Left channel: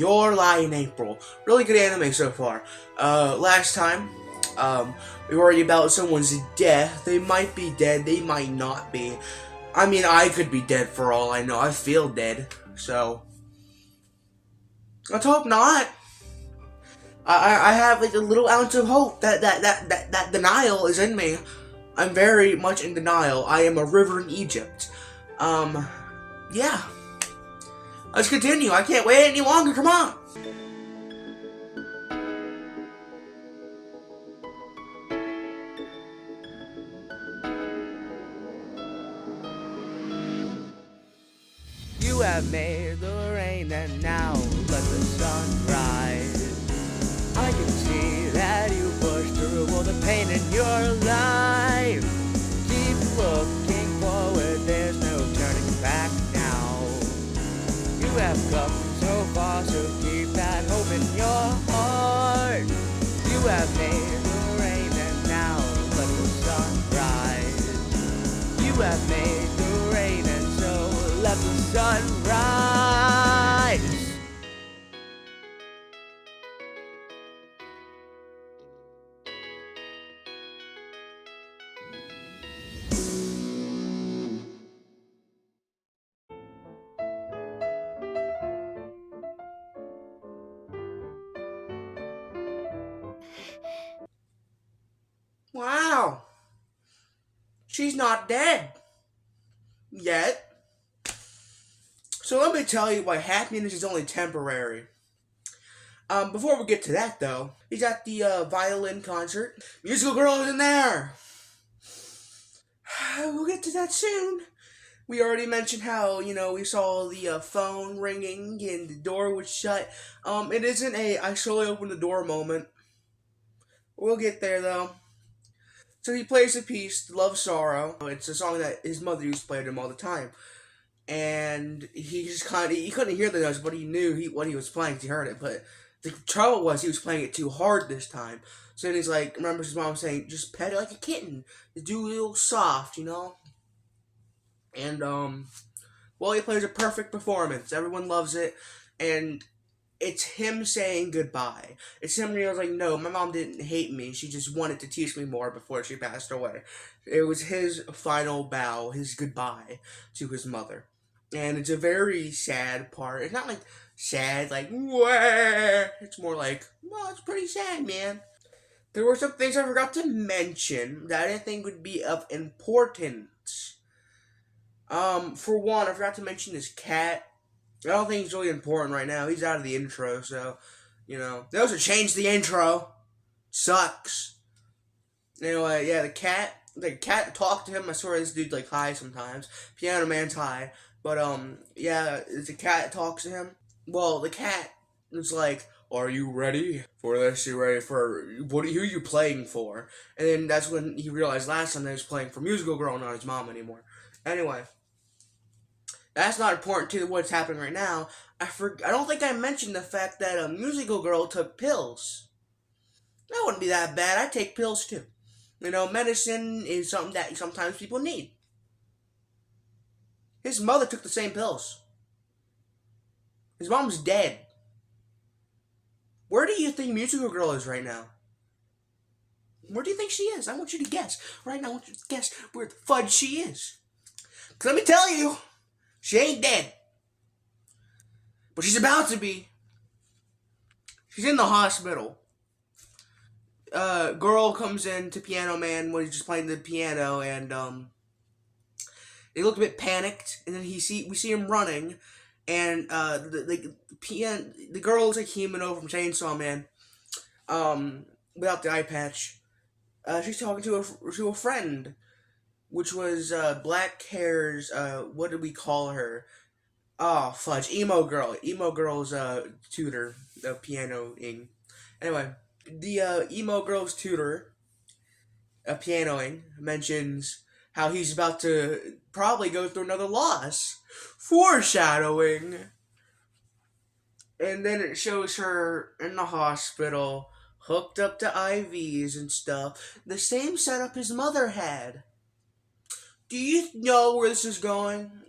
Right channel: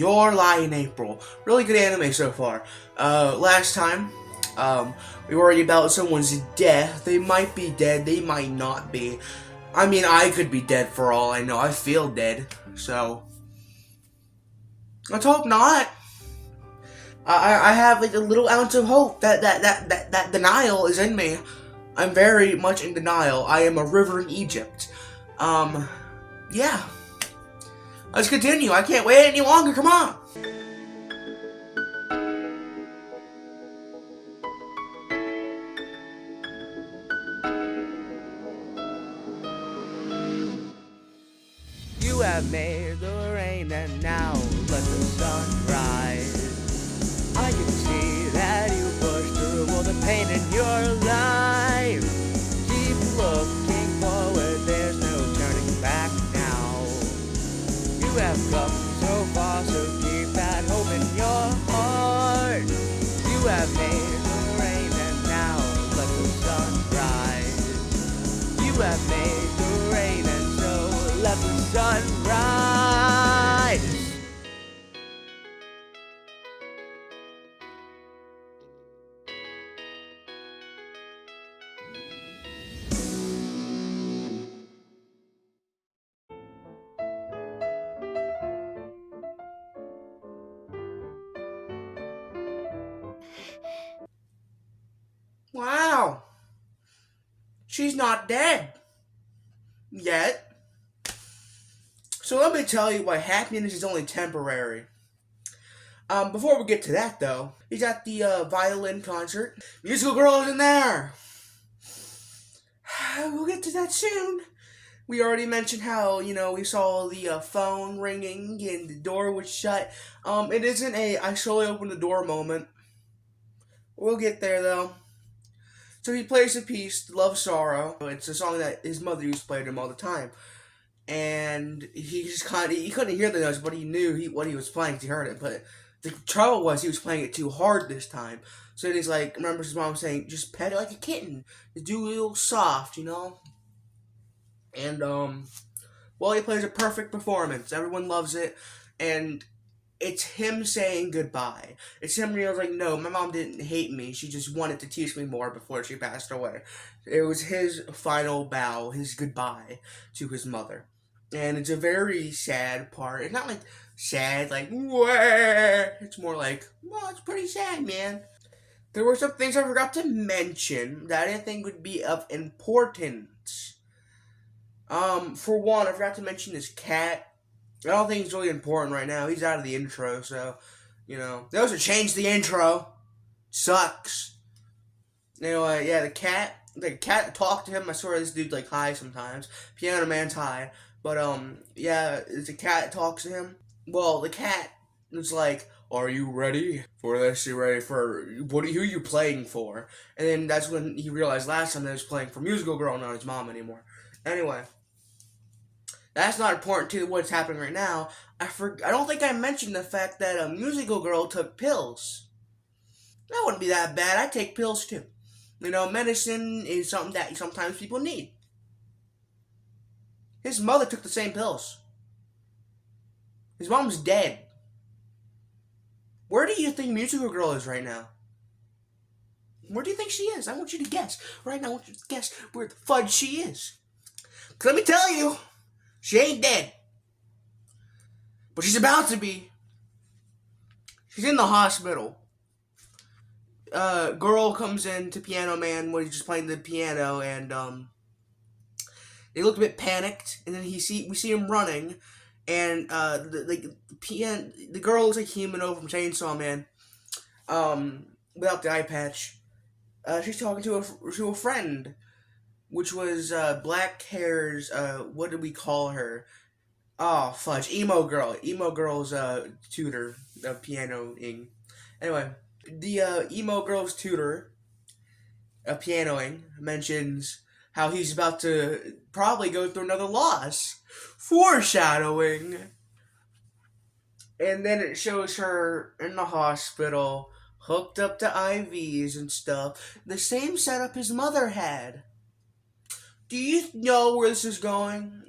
Your Lie in April. Really good anime so far. Last time, we worried about someone's death. They might be dead, they might not be. I mean, I could be dead for all I know. I feel dead, so let's hope not. I have like a little ounce of hope that denial is in me. I'm very much in denial. I am a river in Egypt. Yeah. Let's continue. I can't wait any longer. Come on. You have made the rain and now let the sun rise. I can see that you pushed through all the pain in your life. Keep looking forward, there's no turning back now. You have come so far, so keep that hope in your heart. You have made the rain and now let the sun rise. You have made the rain and so let the sun rise. Wow. She's not dead. Yet. So let me tell you why happiness is only temporary. Before we get to that though, he's at the violin concert. Musical Girl is in there. We'll get to that soon. We already mentioned how, we saw the phone ringing and the door was shut. It isn't a I slowly opened the door moment. We'll get there though. So he plays a piece, Love Sorrow. It's a song that his mother used to play to him all the time. And he just he couldn't hear the notes, but he knew what he was playing because he heard it. But the trouble was he was playing it too hard this time. So then he's like, remembers his mom saying, just pet it like a kitten. Just do it a little soft, And, well, he plays a perfect performance. Everyone loves it. And it's him saying goodbye. It's him realizing, no, my mom didn't hate me. She just wanted to teach me more before she passed away. It was his final bow, his goodbye to his mother. And it's a very sad part. It's not like sad, like, wah. It's more like, well, it's pretty sad, man. There were some things I forgot to mention that I didn't think would be of importance. For one, I forgot to mention his cat. I don't think he's really important right now. He's out of the intro, so, They also changed the intro. Sucks. Anyway, yeah, the cat talked to him. I swear this dude's, high sometimes. Piano Man's high. But, yeah, the cat talks to him. Well, the cat is like, are you ready for this? You ready for, who are you playing for? And then that's when he realized last time that he was playing for Musical Girl, not his mom anymore. Anyway. That's not important to what's happening right now. I don't think I mentioned the fact that a Musical Girl took pills. That wouldn't be that bad. I take pills too. Medicine is something that sometimes people need. His mother took the same pills. His mom's dead. Where do you think Musical Girl is right now? Where do you think she is? I want you to guess. Right now, I want you to guess where the fudge she is. 'Cause let me tell you, she ain't dead. But she's about to be. She's in the hospital. Girl comes in to Piano Man when he's just playing the piano, and they look a bit panicked. And then we see him running, and the girl looks like Humano from Chainsaw Man, without the eye patch. She's talking to a friend, which was black hair's. What did we call her? Oh fudge, emo girl. Emo girl's tutor of pianoing. Anyway, the emo girl's tutor of pianoing mentions how he's about to probably go through another loss. Foreshadowing. And then it shows her in the hospital, hooked up to IVs and stuff. The same setup his mother had. Do you know where this is going?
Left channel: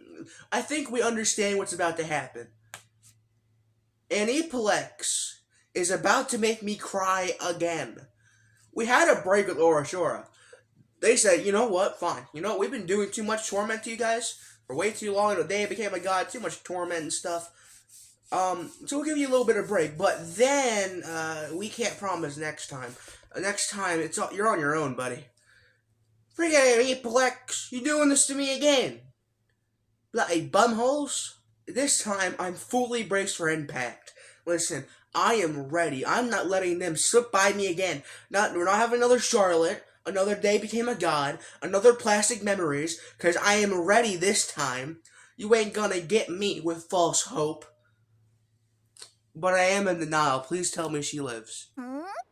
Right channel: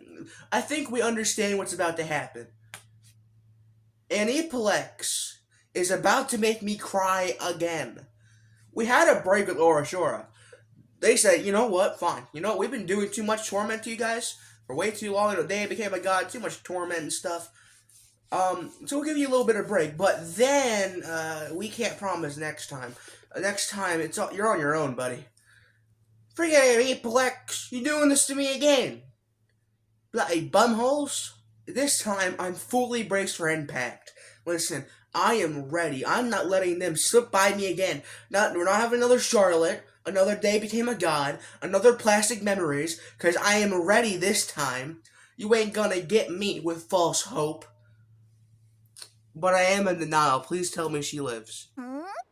I think we understand what's about to happen. Aniplex is about to make me cry again. We had a break with Orashora. They said, you know what, fine. You know, we've been doing too much torment to you guys for way too long. The day became a god, too much torment and stuff. So we'll give you a little bit of break. But then, we can't promise next time. Next time, you're on your own, buddy. Forget Aniplex, you're doing this to me again. Bloody bumholes. This time, I'm fully braced for impact. Listen, I am ready. I'm not letting them slip by me again. We're not having another Charlotte, another day became a god, another plastic memories, because I am ready this time. You ain't gonna get me with false hope. But I am in denial. Please tell me she lives.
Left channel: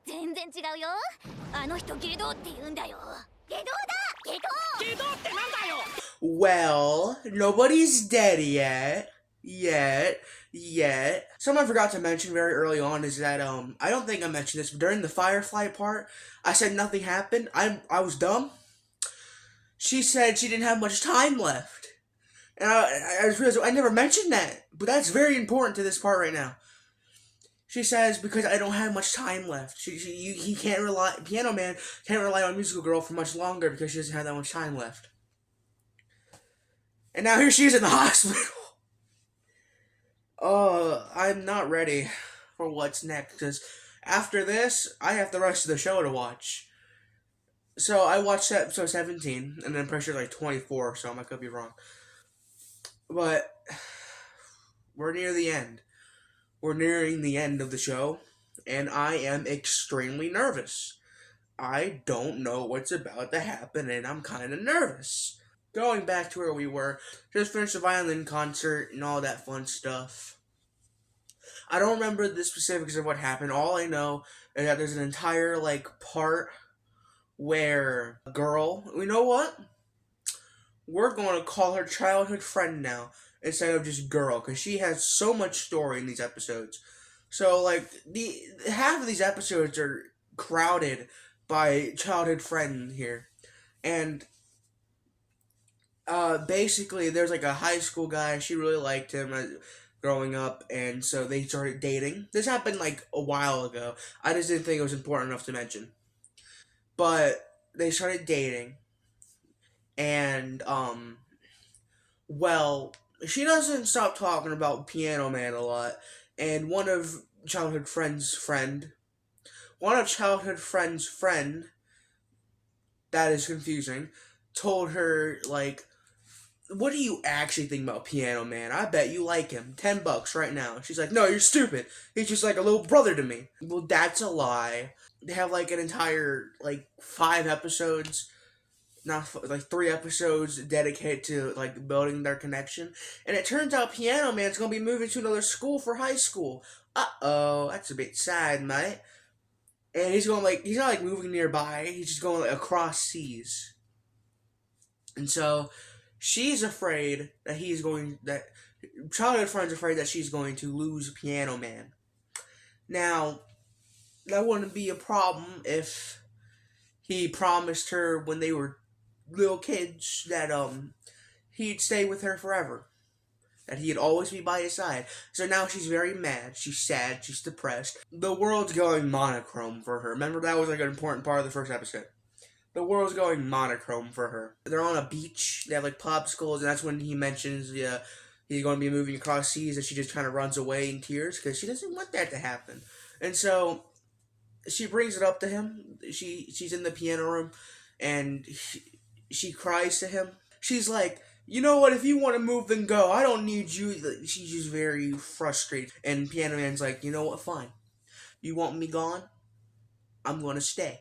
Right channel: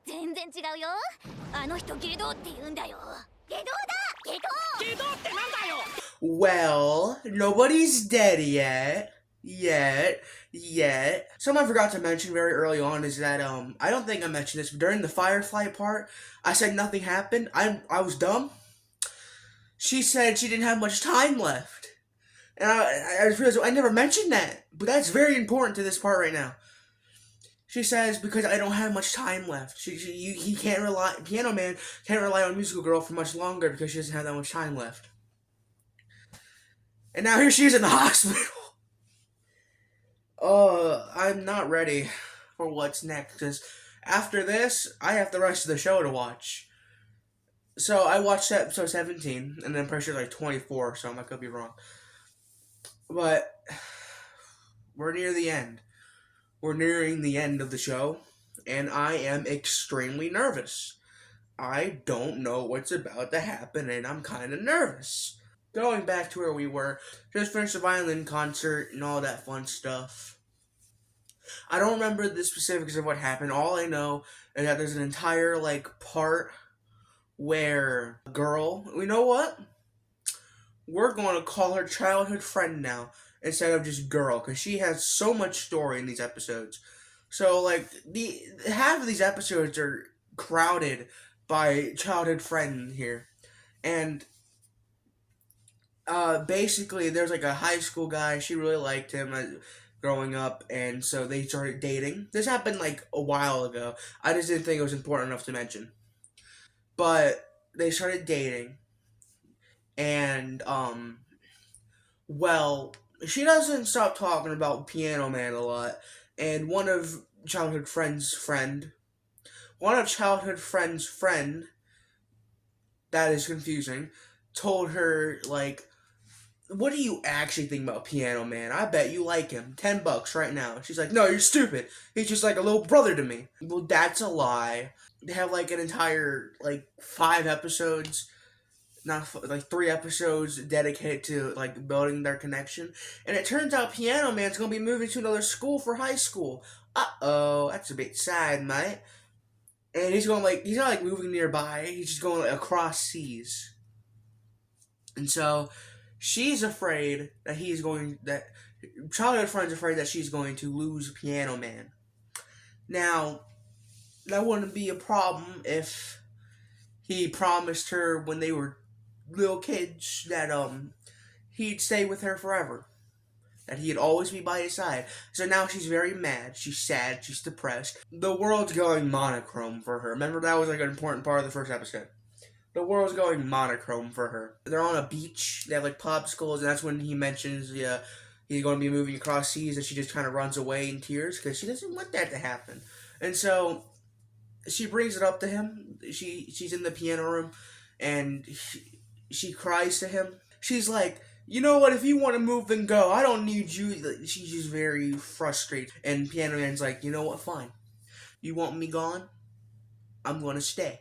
全然違うよ。あの人ゲドって言うんだよ。ゲドだ、ゲド。ゲドってなんだよ。Well, nobody's dead yet. Something I forgot to mention very early on is that, I don't think I mentioned this, but during the Firefly part, I said nothing happened. I was dumb. She said she didn't have much time left. And I realized I never mentioned that, but that's very important to this part right now. She says, because I don't have much time left. Piano Man can't rely on Musical Girl for much longer because she doesn't have that much time left. And now here she is in the hospital. I'm not ready for what's next, because after this, I have the rest of the show to watch. So I watched episode 17, and I'm pretty sure like 24 or something, I could be wrong. But, we're near the end. We're nearing the end of the show, and I am extremely nervous. I don't know what's about to happen, and I'm kind of nervous. Going back to where we were, just finished the violin concert and all that fun stuff. I don't remember the specifics of what happened. All I know is that there's an entire, part where a girl, you know what? We're going to call her childhood friend now, instead of just girl, because she has so much story in these episodes. So, half of these episodes are crowded by childhood friend here. And, basically, there's, a high school guy, she really liked him growing up, and so they started dating. This happened, a while ago. I just didn't think it was important enough to mention. But, they started dating, and, well, she doesn't stop talking about Piano Man a lot, and one of childhood friend's friend, that is confusing, told her, what do you actually think about Piano Man? I bet you like him. $10 right now. She's like, no, you're stupid. He's just like a little brother to me. Well, that's a lie. They have an entire 5 episodes, not 3 episodes dedicated to building their connection. And it turns out Piano Man's gonna be moving to another school for high school. Uh-oh, that's a bit sad, mate. And he's going he's not moving nearby, he's just going across seas. And so she's afraid that childhood friend's afraid that she's going to lose Piano Man. Now, that wouldn't be a problem if he promised her when they were little kids that he'd stay with her forever, that he'd always be by his side. So now she's very mad, she's sad, she's depressed. The world's going monochrome for her. Remember, that was an important part of the first episode. The world's going monochrome for her. They're on a beach, they have popsicles, and that's when he mentions he's going to be moving across seas, and she just kind of runs away in tears because she doesn't want that to happen. And so she brings it up to him. She's in the piano room, and she cries to him. She's like, you know what, if you want to move, then go. I don't need you. She's just very frustrated. And Piano Man's like, you know what, fine. You want me gone? I'm going to stay.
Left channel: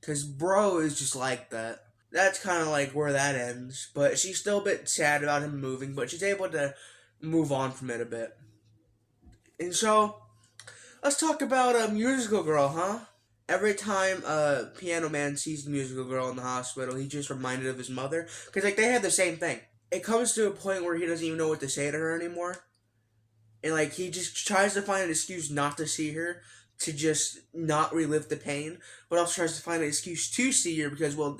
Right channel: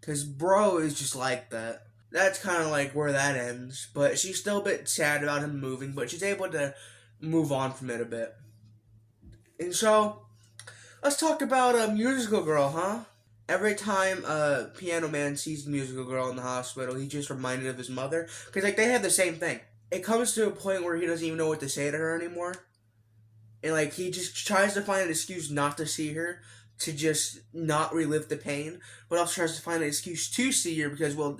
Because bro is just like that. That's kind of where that ends. But she's still a bit sad about him moving, but she's able to move on from it a bit. And so, let's talk about Musical Girl, huh? Every time Piano Man sees Musical Girl in the hospital, he's just reminded of his mother. Because, they have the same thing. It comes to a point where he doesn't even know what to say to her anymore. And, he just tries to find an excuse not to see her, to just not relive the pain. But also tries to find an excuse to see her because, well,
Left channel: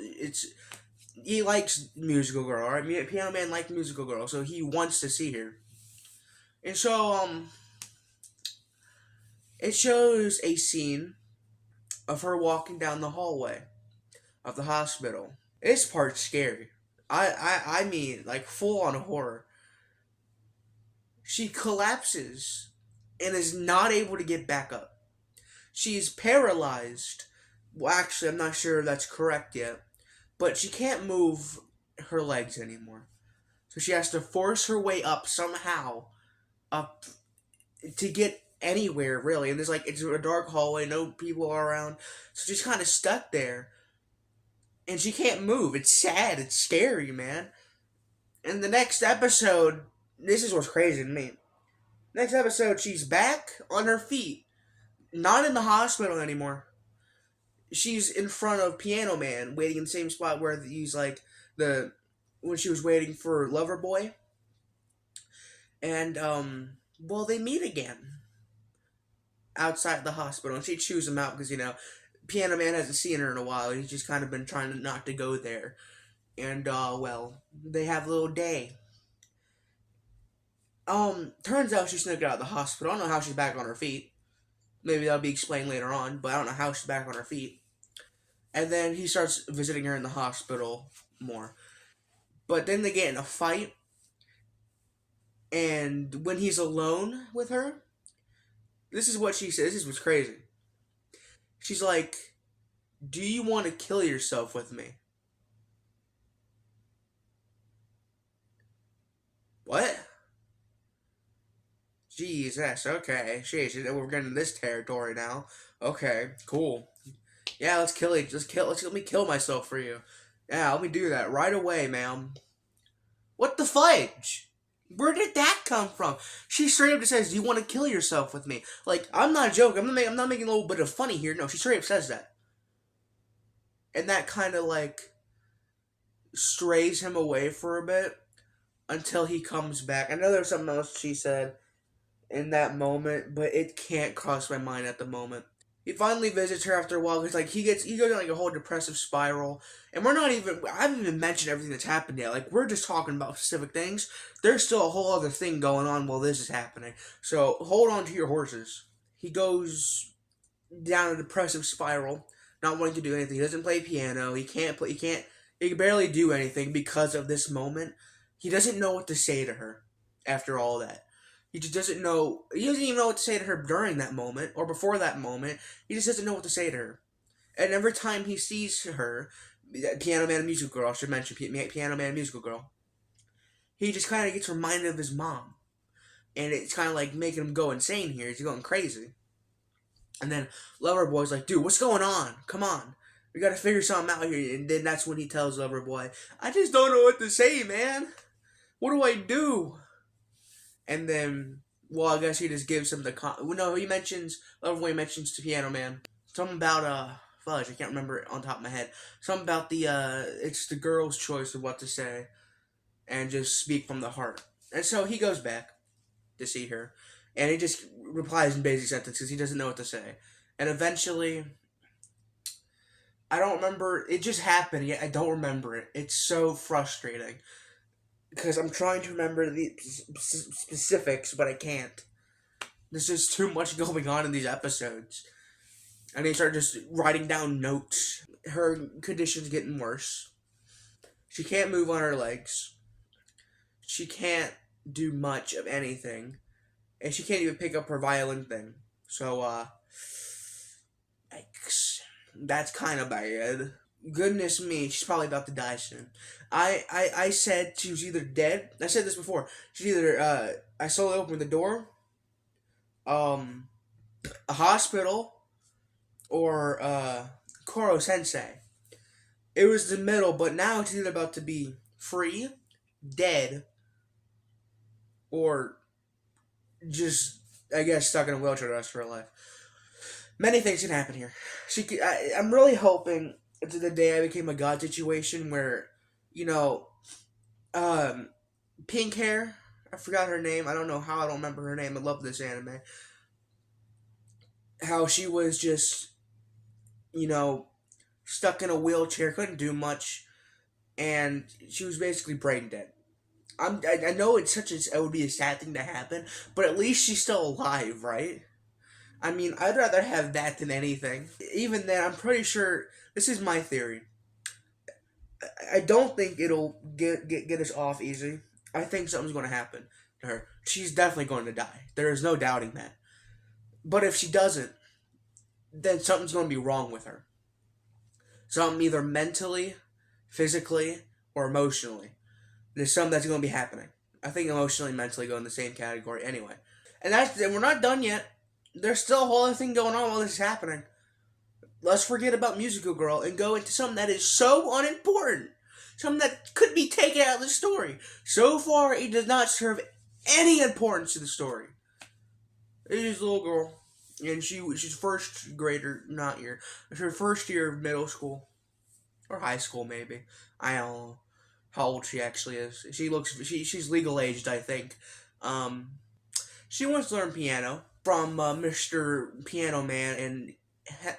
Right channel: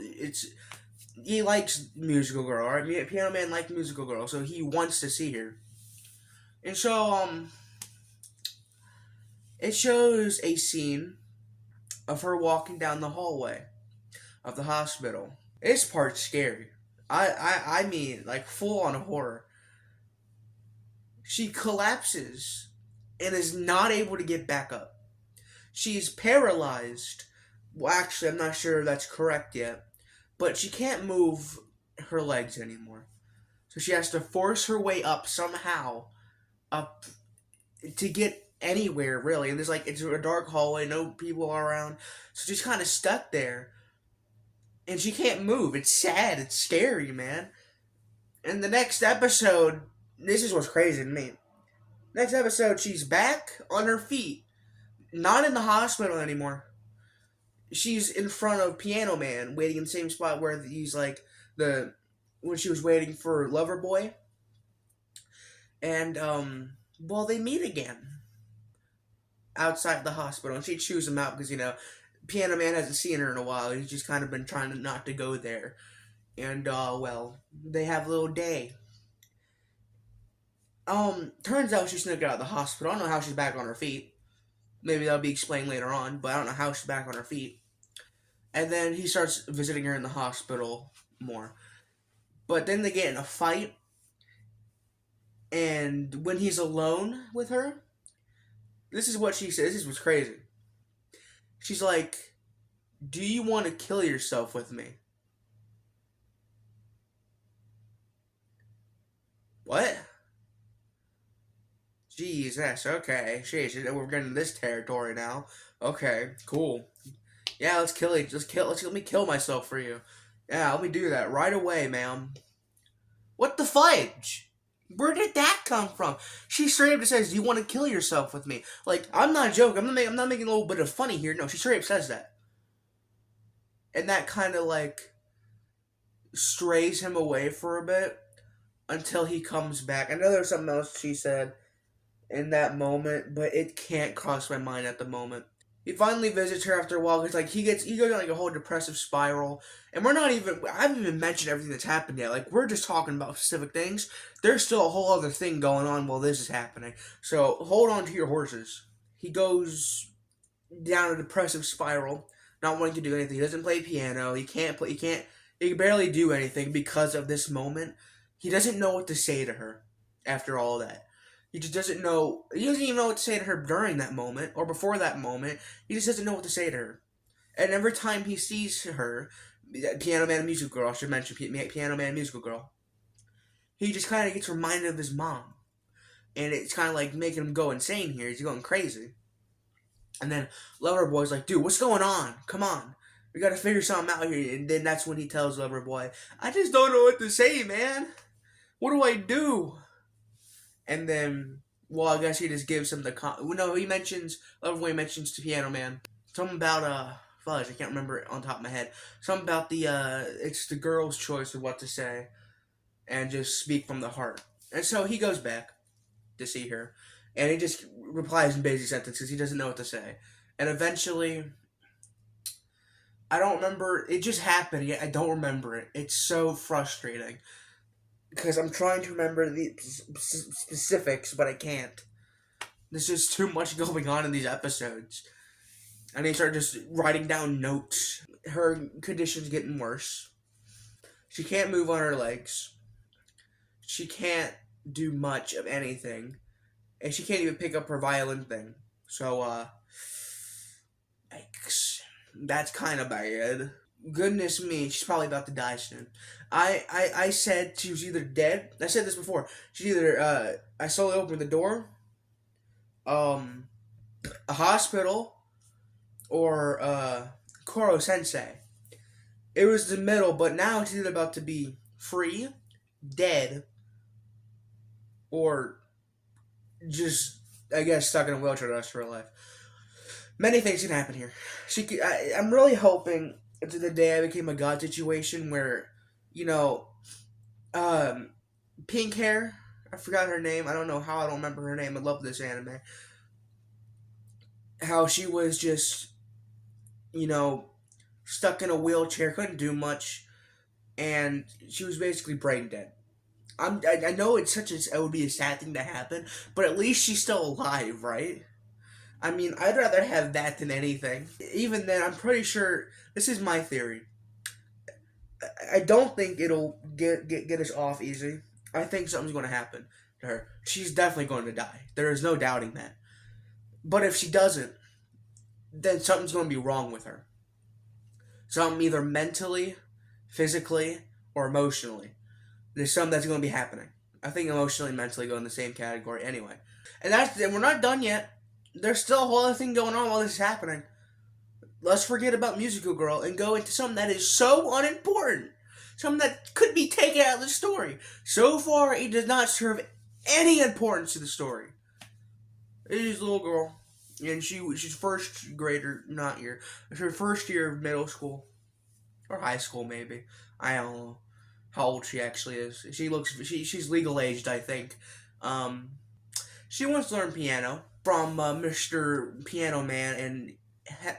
he likes Musical Girl, alright? Piano Man likes Musical Girl, so he wants to see her. And so, It shows a scene of her walking down the hallway of the hospital. This part's scary. I mean, like, full on horror. She collapses and is not able to get back up. She's paralyzed. Well, actually, I'm not sure if that's correct yet. But she can't move her legs anymore. So she has to force her way up somehow. Up to get anywhere, really. And it's a dark hallway, no people are around. So she's kind of stuck there. And she can't move. It's sad. It's scary, man. And the next episode, this is what's crazy to me. Next episode, she's back on her feet. Not in the hospital anymore. She's in front of Piano Man, waiting in the same spot where he's like when she was waiting for Loverboy. And, well, they meet again. Outside the hospital. And she chews him out because, Piano Man hasn't seen her in a while. He's just kind of been trying not to go there. And, well, they have a little day. Turns out she snuck out of the hospital. I don't know how she's back on her feet. Maybe that'll be explained later on, but I don't know how she's back on her feet. And then he starts visiting her in the hospital more. But then they get in a fight. And when he's alone with her, this is what she says. This is what's crazy. She's like, "Do you want to kill yourself with me?" What? Jesus, okay. Sheesh, we're getting this territory now. Okay, cool. Yeah, let's let me kill myself for you. Yeah, let me do that right away, ma'am. What the fudge? Where did that come from? She straight up just says, "Do you want to kill yourself with me?" Like, I'm not joking. I'm not making a little bit of funny here. No, she straight up says that. And that kind of, strays him away for a bit until he comes back. I know there's something else she said in that moment, but it can't cross my mind at the moment. He finally visits her after a while because he goes on a whole depressive spiral, and I haven't even mentioned everything that's happened yet. We're just talking about specific things. There's still a whole other thing going on while this is happening. So hold on to your horses. He goes down a depressive spiral, not wanting to do anything. He doesn't play piano. He can barely do anything because of this moment. He doesn't know what to say to her after all that. He just doesn't know. He doesn't even know what to say to her during that moment or before that moment. He just doesn't know what to say to her. And every time he sees her, Piano Man and Musical Girl, I should mention Piano Man and Musical Girl, he just kind of gets reminded of his mom. And it's kind of making him go insane here. He's going crazy. And then Loverboy's like, "Dude, what's going on? Come on. We gotta figure something out here." And then that's when he tells Loverboy, "I just don't know what to say, man. What do I do?" And then, well, I guess he just gives him Loverboy mentions to Piano Man something about, fudge, I can't remember it on top of my head. Something about it's the girl's choice of what to say, and just speak from the heart. And so he goes back to see her, and he just replies in basic sentences. He doesn't know what to say. And eventually, I don't remember, it just happened, yet I don't remember it. It's so frustrating. Because I'm trying to remember the specifics, but I can't. There's just too much going on in these episodes. And they start just writing down notes. Her condition's getting worse. She can't move on her legs. She can't do much of anything. And she can't even pick up her violin thing. So, yikes. That's kind of bad. Goodness me, she's probably about to die soon. I said she was either dead. I said this before. She's either, I slowly opened the door, a hospital, or, Koro Sensei. It was the middle, but now it's either about to be free, dead, or just, I guess, stuck in a wheelchair the rest of her life. Many things can happen here. I'm really hoping to the day I became a god situation where, pink hair, I forgot her name, I don't know how I don't remember her name, I love this anime. How she was just, stuck in a wheelchair, couldn't do much, and she was basically brain dead. I know it would be a sad thing to happen, but at least she's still alive, right? I mean, I'd rather have that than anything. Even then, I'm pretty sure, this is my theory, I don't think it'll get us off easy. I think something's going to happen to her. She's definitely going to die. There is no doubting that. But if she doesn't, then something's going to be wrong with her. Something either mentally, physically, or emotionally. There's something that's going to be happening. I think emotionally and mentally go in the same category anyway. And we're not done yet. There's still a whole other thing going on while this is happening. Let's forget about Musical Girl and go into something that is so unimportant. Something that could be taken out of the story. So far, it does not serve any importance to the story. It is a little girl, and she's first grader, not year. It's her first year of middle school. Or high school, maybe. I don't know how old she actually is. She's legal aged, I think. She wants to learn piano from Mr. Piano Man and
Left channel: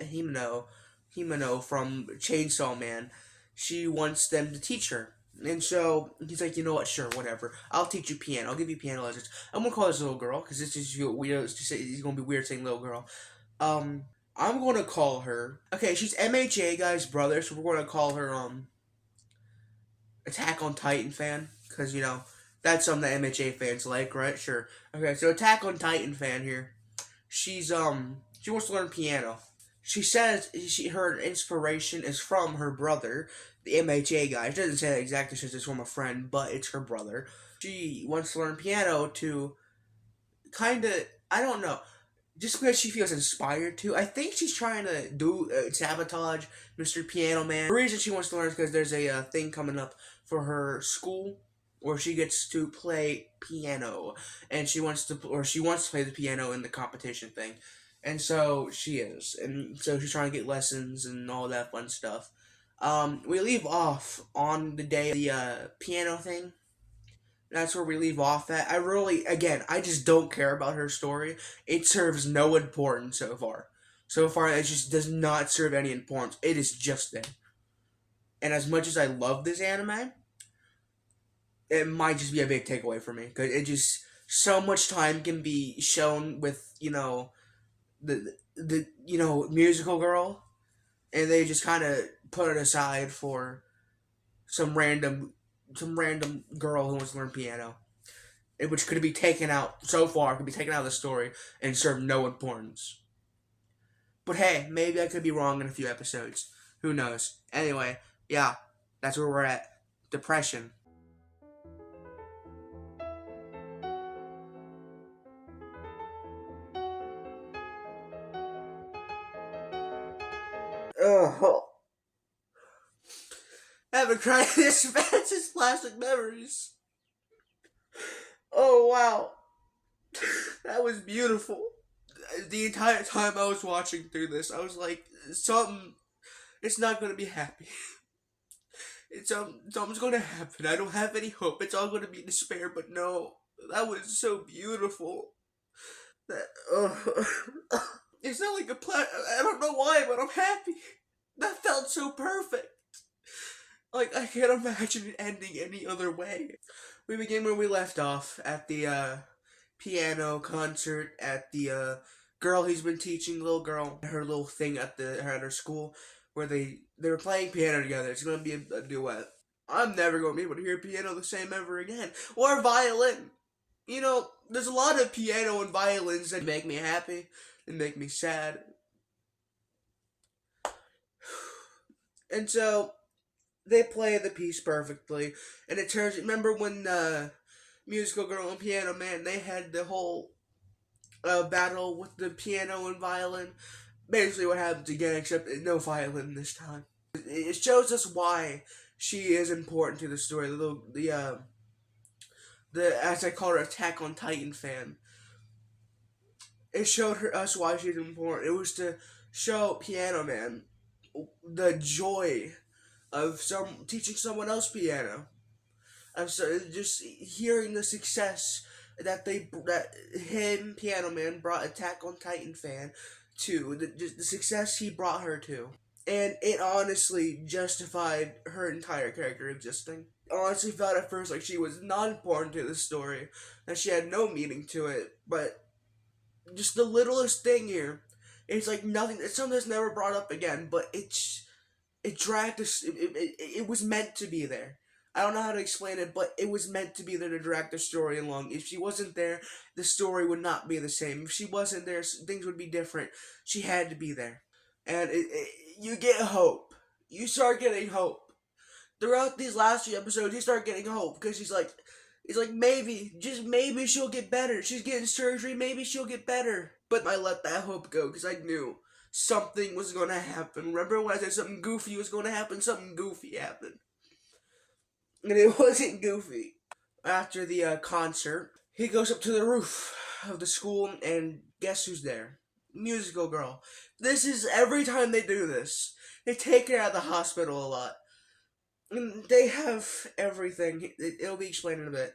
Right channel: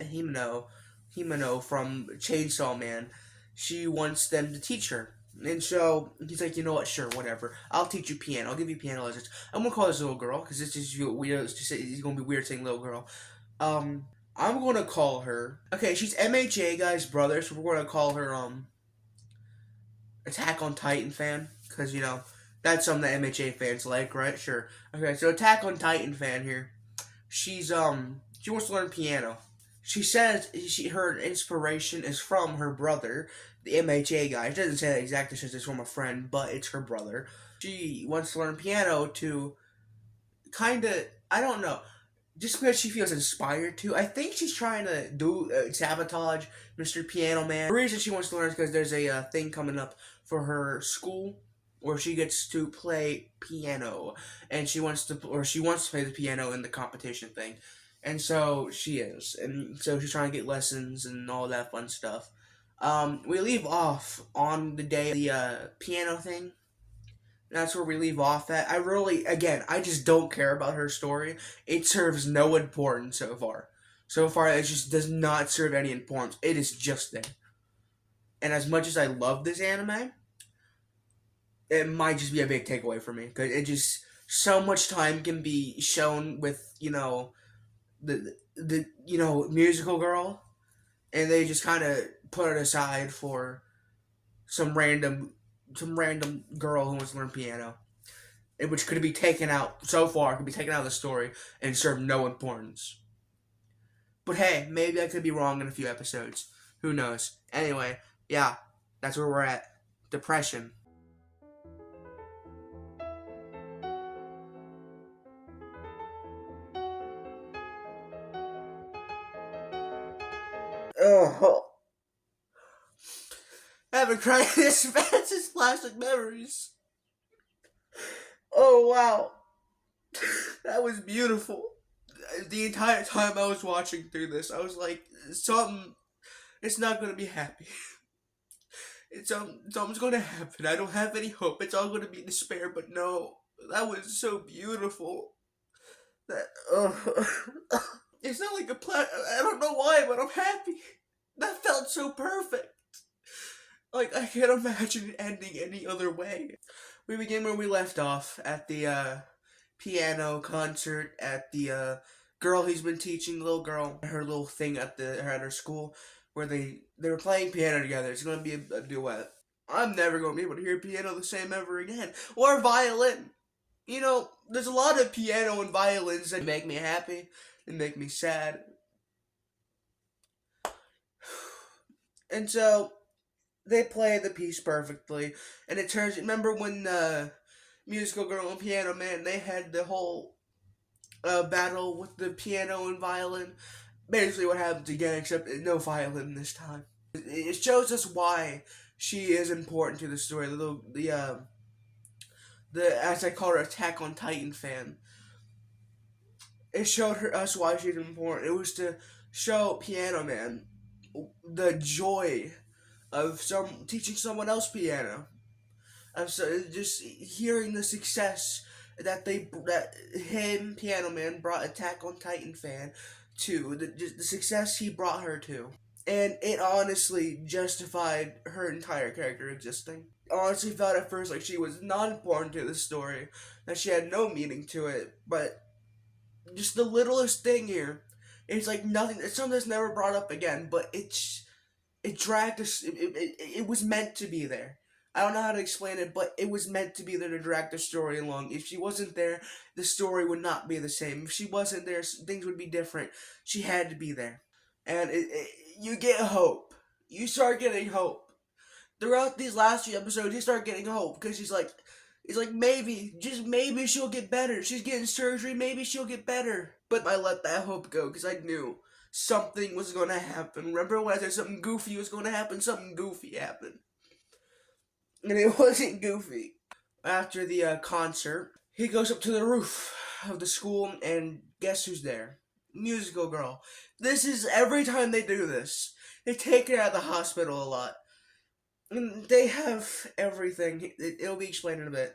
Himeno from Chainsaw Man. She wants them to teach her. And so, he's like, you know what, sure, whatever. I'll teach you piano. I'll give you piano lessons. I'm going to call this little girl, because this is weird. It's going to be weird saying little girl. I'm going to call her... Okay, she's MHA guy's brother, so we're going to call her, Attack on Titan fan. Because, you know, that's something that MHA fans like, right? Sure. Okay, so Attack on Titan fan here. She wants to learn piano. She says her inspiration is from her brother, the MHA guy. She doesn't say that exactly, she says it's from a friend, but it's her brother. She wants to learn piano to kind of, I don't know, just because she feels inspired to. I think she's trying to sabotage Mr. Piano Man. The reason she wants to learn is because there's a thing coming up for her school where she gets to play piano, and she wants to play the piano in the competition thing. And so she is. And so she's trying to get lessons and all that fun stuff. We leave off on the day of the piano thing. That's where we leave off at. I just don't care about her story. It serves no importance so far. So far, it just does not serve any importance. It is just there. And as much as I love this anime, it might just be a big takeaway for me. Because it just, so much time can be shown with, you know, the Musical Girl, and they just kind of put it aside for some random girl who wants to learn piano, which could be taken out so far, could be taken out of the story and serve no importance. But hey, maybe I could be wrong in a few episodes. Who knows? Anyway, yeah, that's where we're at. Depression. Oh. I haven't cried this fast since Plastic Memories. Oh, wow. That was beautiful. The entire time I was watching through this, I was like, it's not going to be happy. Something's going to happen. I don't have any hope. It's all going to be despair, but no. That was so beautiful. It's not like I don't know why, but I'm happy. That felt so perfect. Like, I can't imagine it ending any other way. We begin where we left off, at the, piano concert, at the, girl he's been teaching, the little girl, her little thing at her school, where they were playing piano together. It's gonna be a duet. I'm never gonna be able to hear piano the same ever again. Or violin. You know, there's a lot of piano and violins that make me happy, and make me sad. And so, they play the piece perfectly, and it turns, remember when, Musical Girl and Piano Man, they had the whole, battle with the piano and violin? Basically what happens again, except no violin this time. It shows us why she is important to the story, the as I call her, Attack on Titan fan. It showed us why she's important. It was to show Piano Man the joy of teaching someone else piano. Just hearing the success that him, Piano Man, brought Attack on Titan fan to, the success he brought her to. And it honestly justified her entire character existing. Honestly felt at first like she was not important to the story, that she had no meaning to it, but just the littlest thing here. It's like nothing. It's something that's never brought up again, but it dragged us. It was meant to be there. I don't know how to explain it, but it was meant to be there to drag the story along. If she wasn't there, the story would not be the same. If she wasn't there, things would be different. She had to be there, and you get hope. You start getting hope throughout these last few episodes. You start getting hope because she's like, it's like maybe, just maybe she'll get better. She's getting surgery. Maybe she'll get better. But I let that hope go because I knew something was going to happen. Remember when I said something goofy was going to happen? Something goofy happened. And it wasn't goofy. After the concert, he goes up to the roof of the school, and guess who's there? Musical girl. This is every time they do this. They take her out of the hospital a lot. And they have everything. It'll be explained in a bit.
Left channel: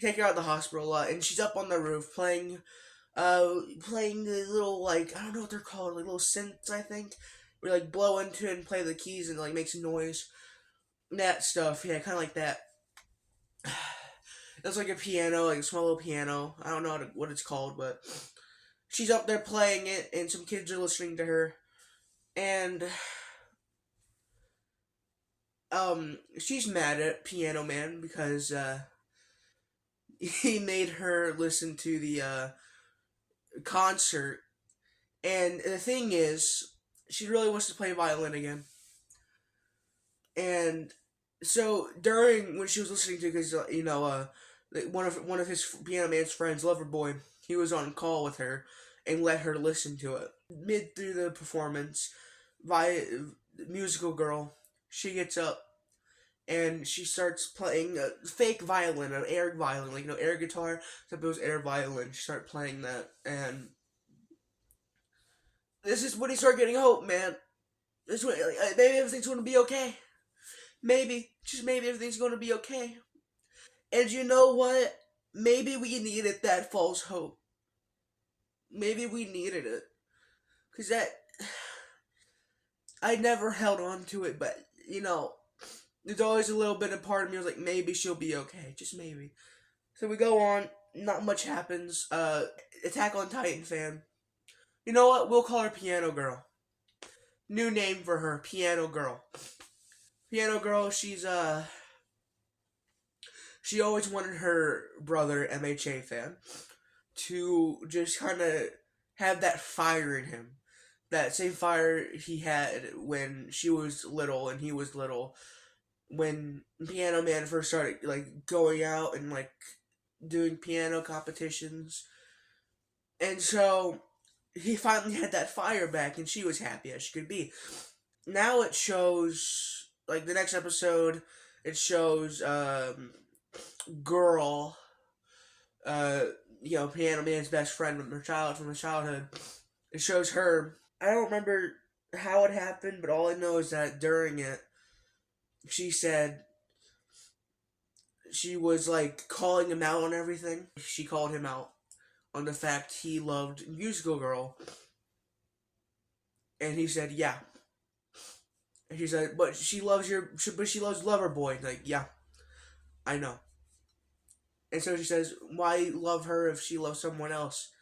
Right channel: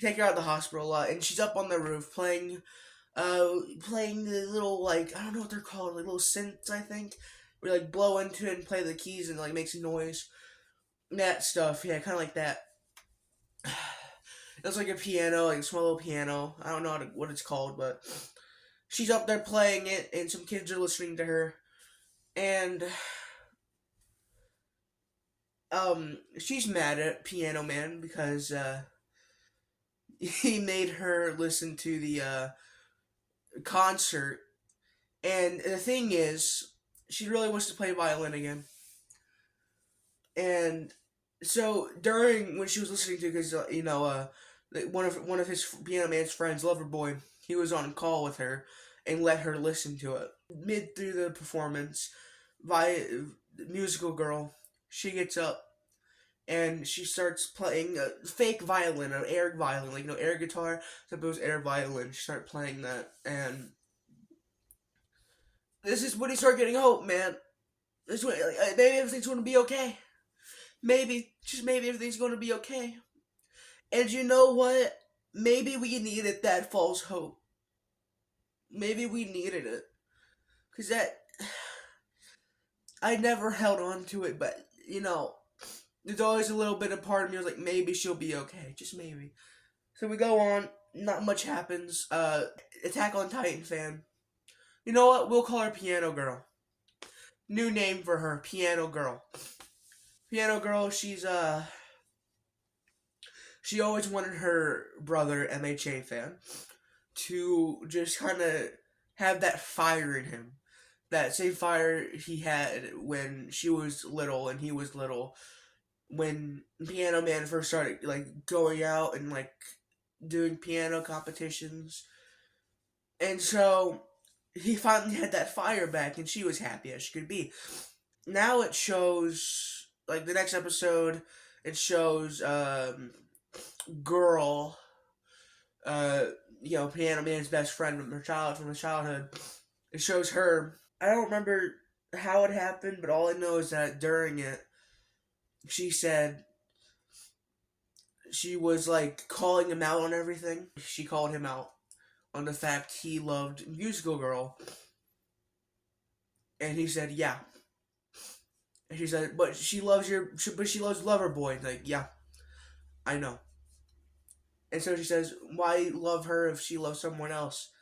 They take her out of the hospital a lot, and she's up on the roof playing the little, like, I don't know what they're called, like little synths, I think. Where you, like, blow into it and play the keys and, like, makes a noise. That stuff, yeah, kind of like that. It's like a piano, like a small little piano. I don't know what it's called, but she's up there playing it, and some kids are listening to her. And she's mad at Piano Man because he made her listen to the concert. And the thing is, she really wants to play violin again. And so during when she was listening to, because one of his Piano Man's friends, Loverboy, he was on call with her and let her listen to it. Mid through the performance, musical girl, she gets up and she starts playing a fake violin, an air violin, like air guitar. Except it was air violin. She started playing that, and this is when he started getting hope, man. This way, maybe everything's going to be okay. Maybe, just maybe everything's going to be okay. And you know what? Maybe we needed that false hope. Maybe we needed it. Because I never held on to it, but, there's always a little bit of part of me was like, maybe she'll be okay. Just maybe. So we go on. Not much happens. Attack on Titan fan. You know what? We'll call her Piano Girl. New name for her, Piano Girl. Piano Girl, she always wanted her brother, MHA fan, to just kind of have that fire in him. That same fire he had when she was little and he was little. When Piano Man first started, going out and, doing piano competitions. And so, he finally had that fire back, and she was happy as she could be. Now it shows, the next episode, it shows, girl, Piano Man's best friend from her childhood. It shows her. I don't remember how it happened, but all I know is that during it, she said she was, calling him out on everything. She called him out on the fact he loved Musical Girl. And he said, yeah. And she said, but she loves Loverboy. Yeah, I know. And so she says, why love her if she loves someone else?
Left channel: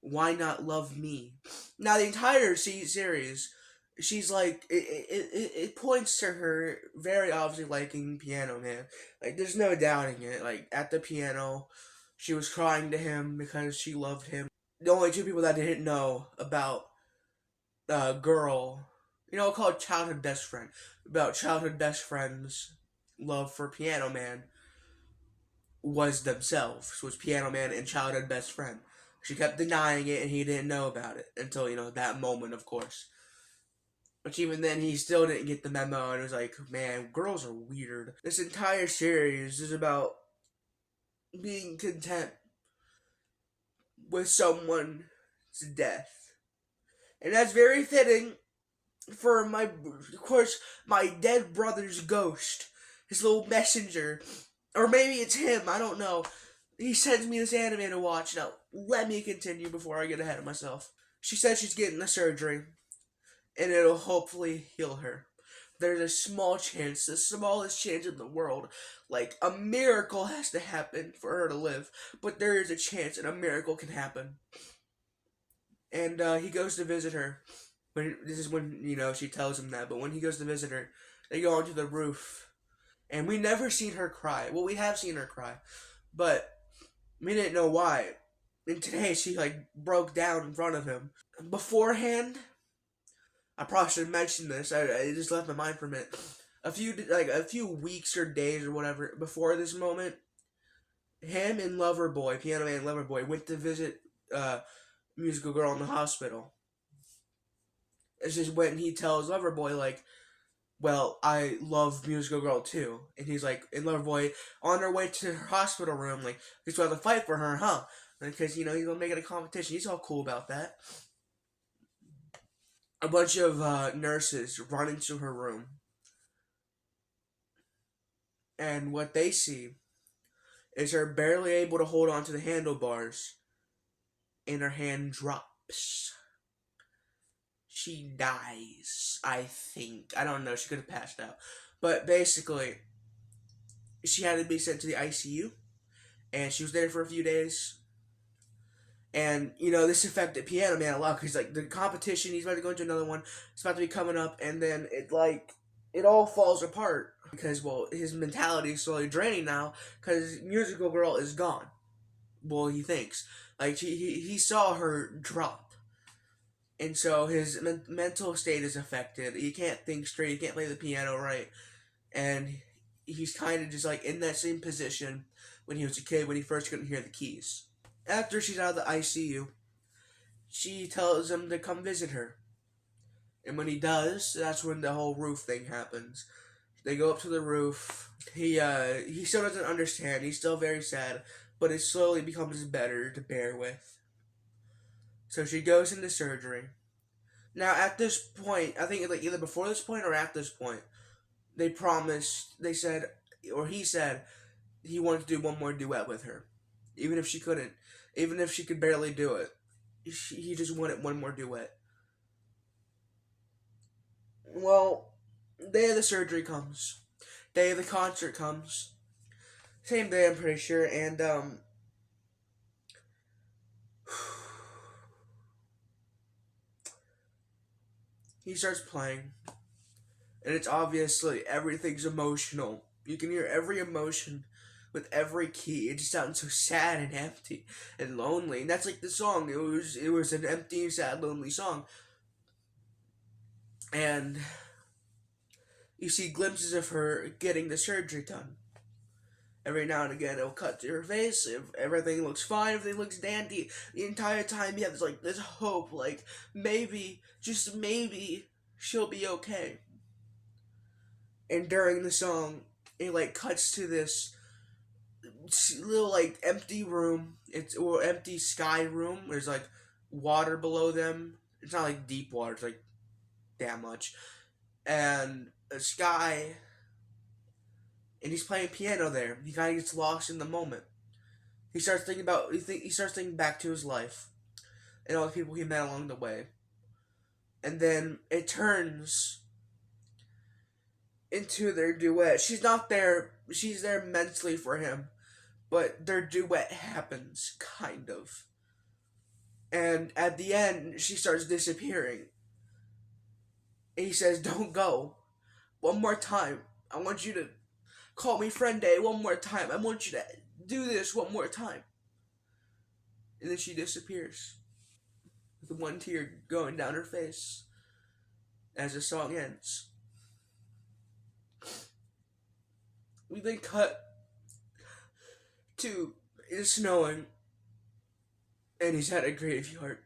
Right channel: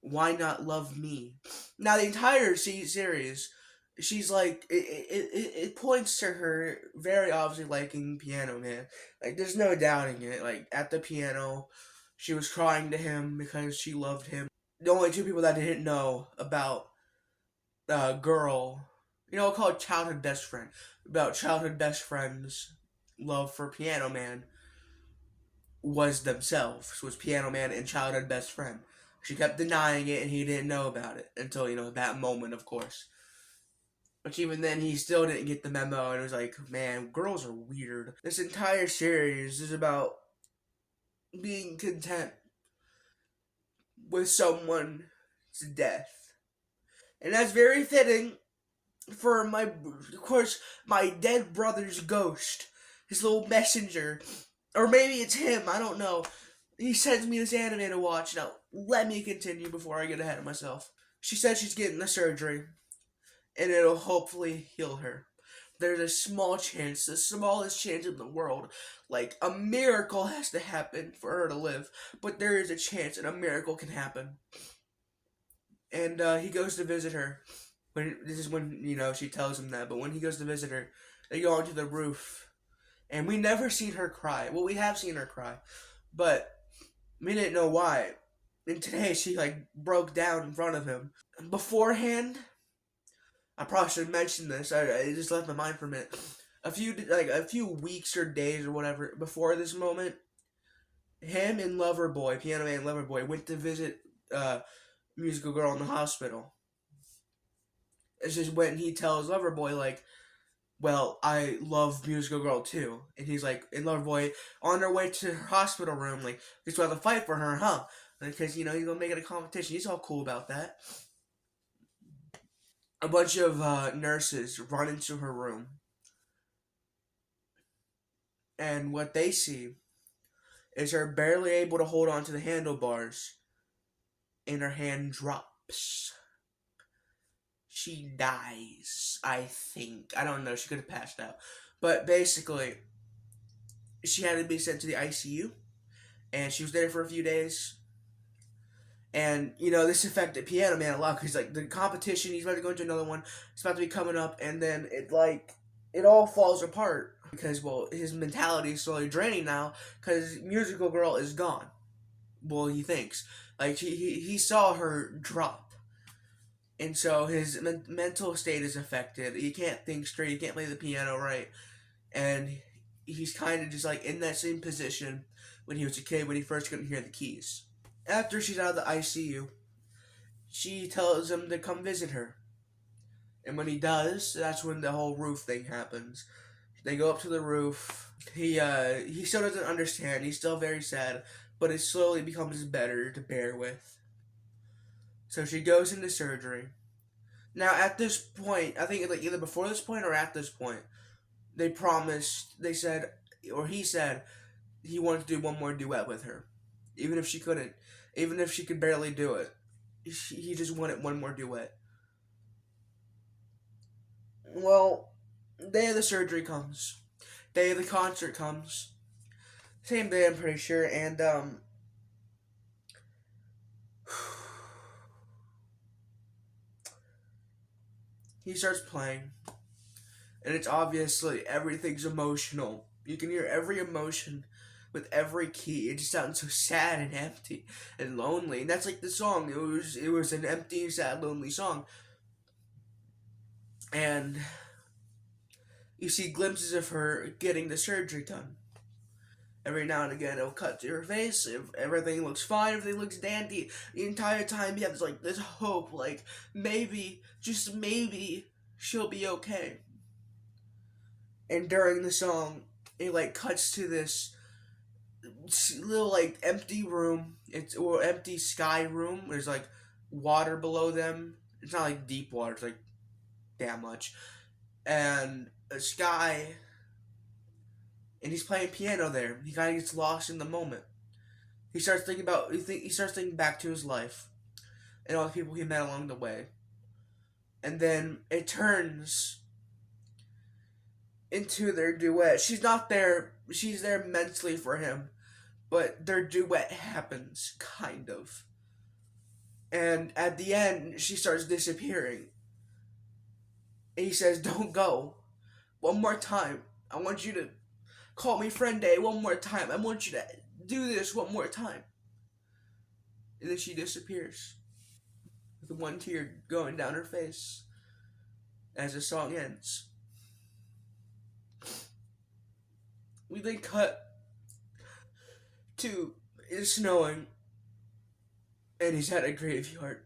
Why not love me? Now, the entire series, she's it points to her very obviously liking Piano Man. There's no doubting it. At the piano, she was crying to him because she loved him. The only two people that didn't know about girl, called childhood best friend, about childhood best friends' love for Piano Man was themselves. Was Piano Man and childhood best friend. She kept denying it and he didn't know about it until, that moment, of course. Which even then, he still didn't get the memo, and it was like, man, girls are weird. This entire series is about being content with someone's death. And that's very fitting for my dead brother's ghost. His little messenger. Or maybe it's him, I don't know. He sends me this anime to watch. Now, let me continue before I get ahead of myself. She said she's getting the surgery, and it'll hopefully heal her. There's a small chance, the smallest chance in the world, a miracle has to happen for her to live, but there is a chance and a miracle can happen. And he goes to visit her. This is when, she tells him that. But when he goes to visit her, they go onto the roof. And we never seen her cry. Well, we have seen her cry. But we didn't know why. And today she, broke down in front of him. Beforehand, I probably should mention this. I just left my mind for a minute. A few weeks or days or whatever before this moment, him and Loverboy, Piano Man and Loverboy, went to visit Musical Girl in the hospital. It's just when he tells Loverboy, well, I love Musical Girl too. And he's like, and Loverboy, on their way to her hospital room, he's about to fight for her, huh? Because, he's gonna make it a competition. He's all cool about that. A bunch of nurses run into her room. And what they see is her barely able to hold on to the handlebars. And her hand drops. She dies, I think. I don't know, she could have passed out. But basically, she had to be sent to the ICU. And she was there for a few days. And, this affected Piano Man a lot. Because, the competition, he's about to go into another one. It's about to be coming up. And then, it all falls apart. Because, his mentality is slowly draining now. Because Musical Girl is gone. Well, he thinks. He saw her drop. And so his mental state is affected. He can't think straight. He can't play the piano right. And he's kind of just in that same position when he was a kid, when he first couldn't hear the keys. After she's out of the ICU, she tells him to come visit her. And when he does, that's when the whole roof thing happens. They go up to the roof. He still doesn't understand. He's still very sad. But it slowly becomes better to bear with. So she goes into surgery. Now, at this point, I think either before this point or at this point, he said he wanted to do one more duet with her. Even if she couldn't. Even if she could barely do it. He just wanted one more duet. Well, day of the surgery comes. Day of the concert comes. Same day, I'm pretty sure, and, he starts playing, and it's obviously, everything's emotional. You can hear every emotion with every key. It just sounds so sad and empty and lonely, and that's the song. It was an empty, sad, lonely song, and you see glimpses of her getting the surgery done. Every now and again, it'll cut to her face. If everything looks fine, everything looks dandy. The entire time, you have this hope, maybe, just maybe, she'll be okay. And during the song, it cuts to this little empty room. Or empty sky room. There's water below them. It's not deep water. It's damn much. And a sky. And he's playing piano there. He kind of gets lost in the moment. He starts thinking back to his life and all the people he met along the way. And then it turns into their duet. She's not there. She's there mentally for him, but their duet happens, kind of. And at the end, she starts disappearing. And he says, "Don't go. One more time. I want you to call me friend day one more time. I want you to do this one more time." And then she disappears. With one tear going down her face. As the song ends. We then cut to it's snowing. And he's at a graveyard.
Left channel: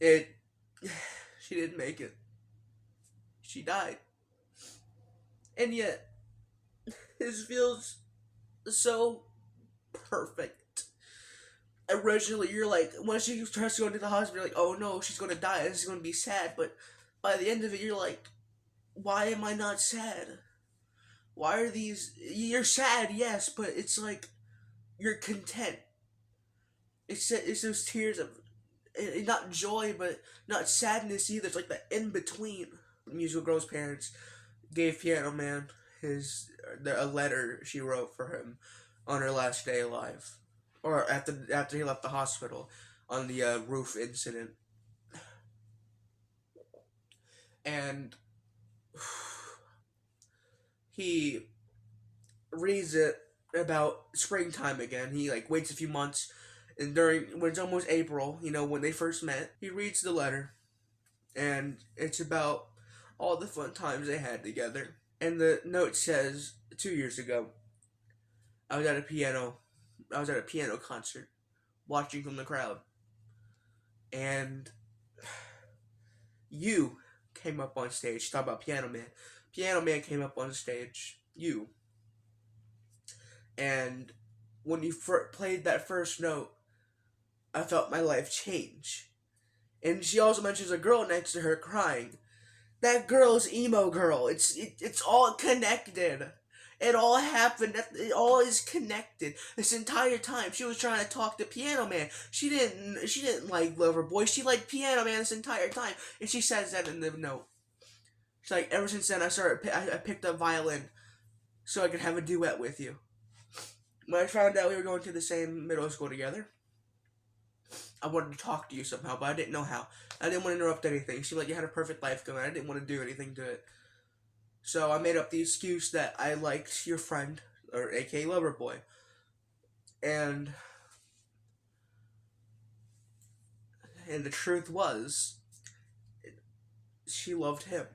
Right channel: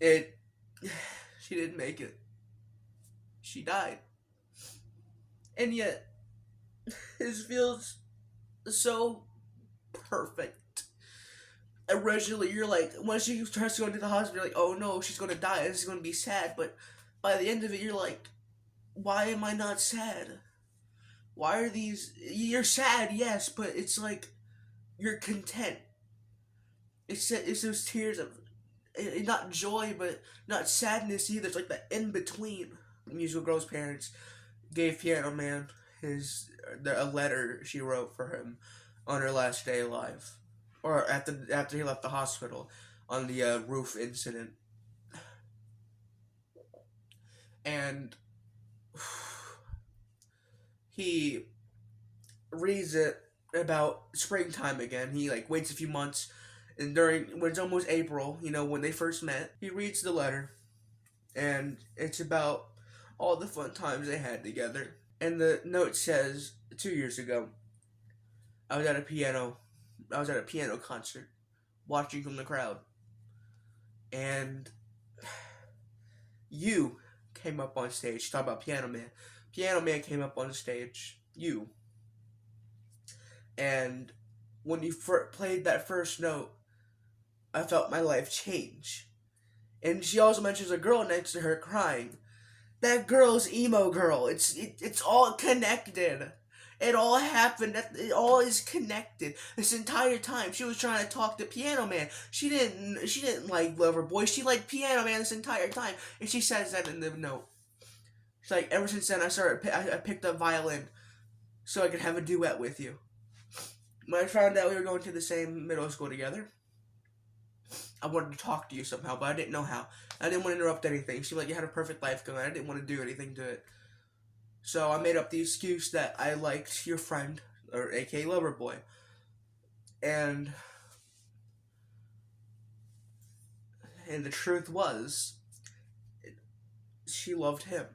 She didn't make it. She died. And yet, this feels so perfect. Originally, you're when she starts to go to the hospital, you're oh no, she's gonna die, this is gonna be sad, but by the end of it, you're why am I not sad? Why are these, you're sad, yes, but it's you're content. It's those tears of, not joy, but not sadness either, it's that in-between. Musical Girl's parents gave Piano Man a letter she wrote for him on her last day alive. or after he left the hospital on the roof incident, and he reads it about springtime again. He like waits a few months, and when it's almost April, when they first met, he reads the letter, and it's about all the fun times they had together. And the note says, 2 years ago, I was at a piano concert, watching from the crowd, and you came up on stage. Talk about Piano Man. Piano Man came up on stage. You. And when you played that first note, I felt my life change. And she also mentions a girl next to her crying. That girl's emo girl. It's all connected. It all happened. It all is connected. This entire time, she was trying to talk to Piano Man. She didn't like Loverboy. She liked Piano Man this entire time. And she says that in the note. She's like, ever since then, I picked up violin so I could have a duet with you. When I found out we were going to the same middle school together, I wanted to talk to you somehow, but I didn't know how. I didn't want to interrupt anything. It seemed like you had a perfect life going. I didn't want to do anything to it. So I made up the excuse that I liked your friend, or aka Loverboy. And the truth was, she loved him.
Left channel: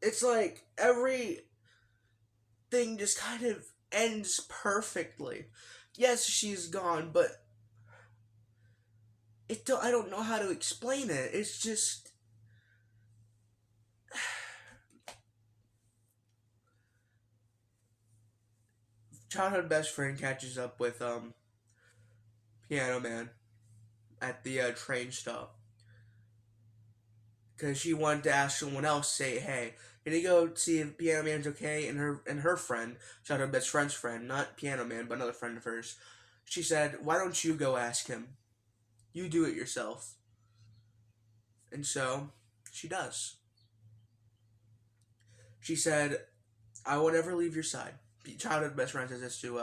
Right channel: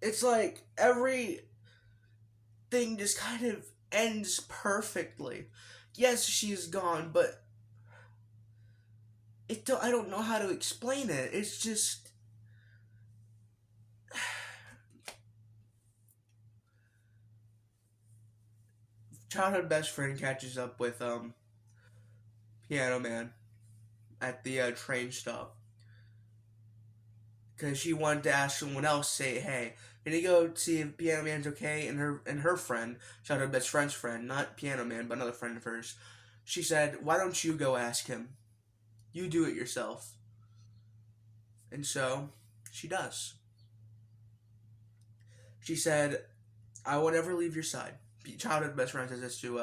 It's like everything just kind of ends perfectly. Yes, she's gone, but I don't know how to explain it. It's just childhood best friend catches up with Piano Man at the train stop because she wanted to ask someone else, say, hey, can you go see if Piano Man's okay? And her friend, childhood best friend's friend, not Piano Man, but another friend of hers, she said, why don't you go ask him? You do it yourself. And so she does. She said, I will never leave your side. Childhood best friend says this to